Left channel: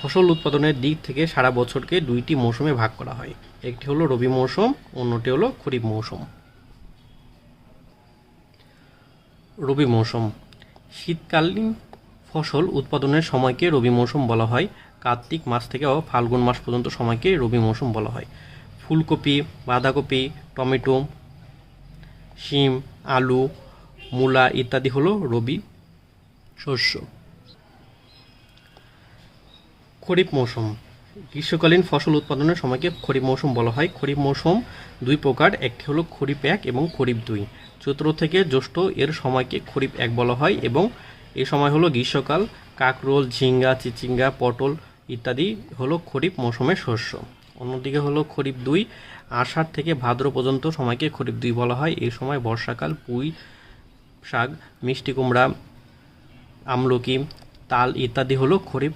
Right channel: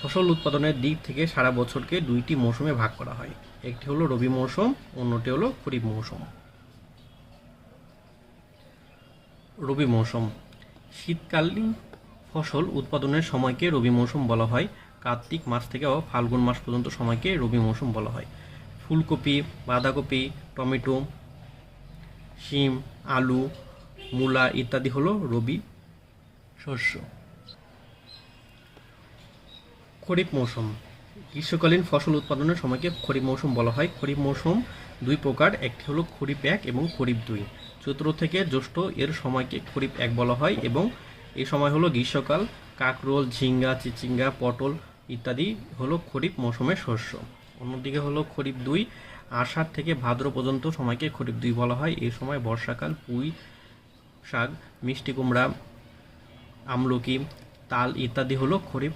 ফসল উৎপাদনের দিক থেকে সারা বছরকে দুইটি মৌসুমে ভাগ করা হয়। একটি হলো রবি মৌসুম, অন্যটি হলো খরিফ মৌসুম। রবি মৌসুম শীতকালীন ফসল উৎপাদনের সময়কে রবি মৌসুম বলা হয়। কার্তিক মাস থেকে ফাল্গুন মাস পর্যন্ত সময়কে রবি মৌসুম বলা হয়। ফুলকপি, বাঁধাকপি, টমেটো, শিম, আলু, মূলা ইত্যাদি হলো রবি শস্য। খরিফ মৌসুম গ্রীষ্মকালীন ফসল উৎপাদনের সময়কে খরিফ মৌসুম বলা হয়। খরিফ মৌসুম দুই প্রকার, একটি হলো খরিফ 1 এবং খরিফ 2। চৈত্র থেকে জ্যৈষ্ঠ এর সময়কে খরিফ 1 বলা হয় এবং এই সময় হলো গ্রীষ্মকাল। কাঁকরোল, ঝিঙ্গা, চিচিঙ্গা, পটল ইত্যাদি হলো খরিফ মৌসুমের শস্য। অন্যদিকে হলো খরিফ 2, আষাঢ় থেকে ভাদ্র পর্যন্ত সময়কে খরিফ 2 বলা হয়। এই সময় বর্ষাকাল, পুঁই শাক, মিষ্টি কুমড়া, আমলকি, তাল ইত্যাদি হলো খরিফ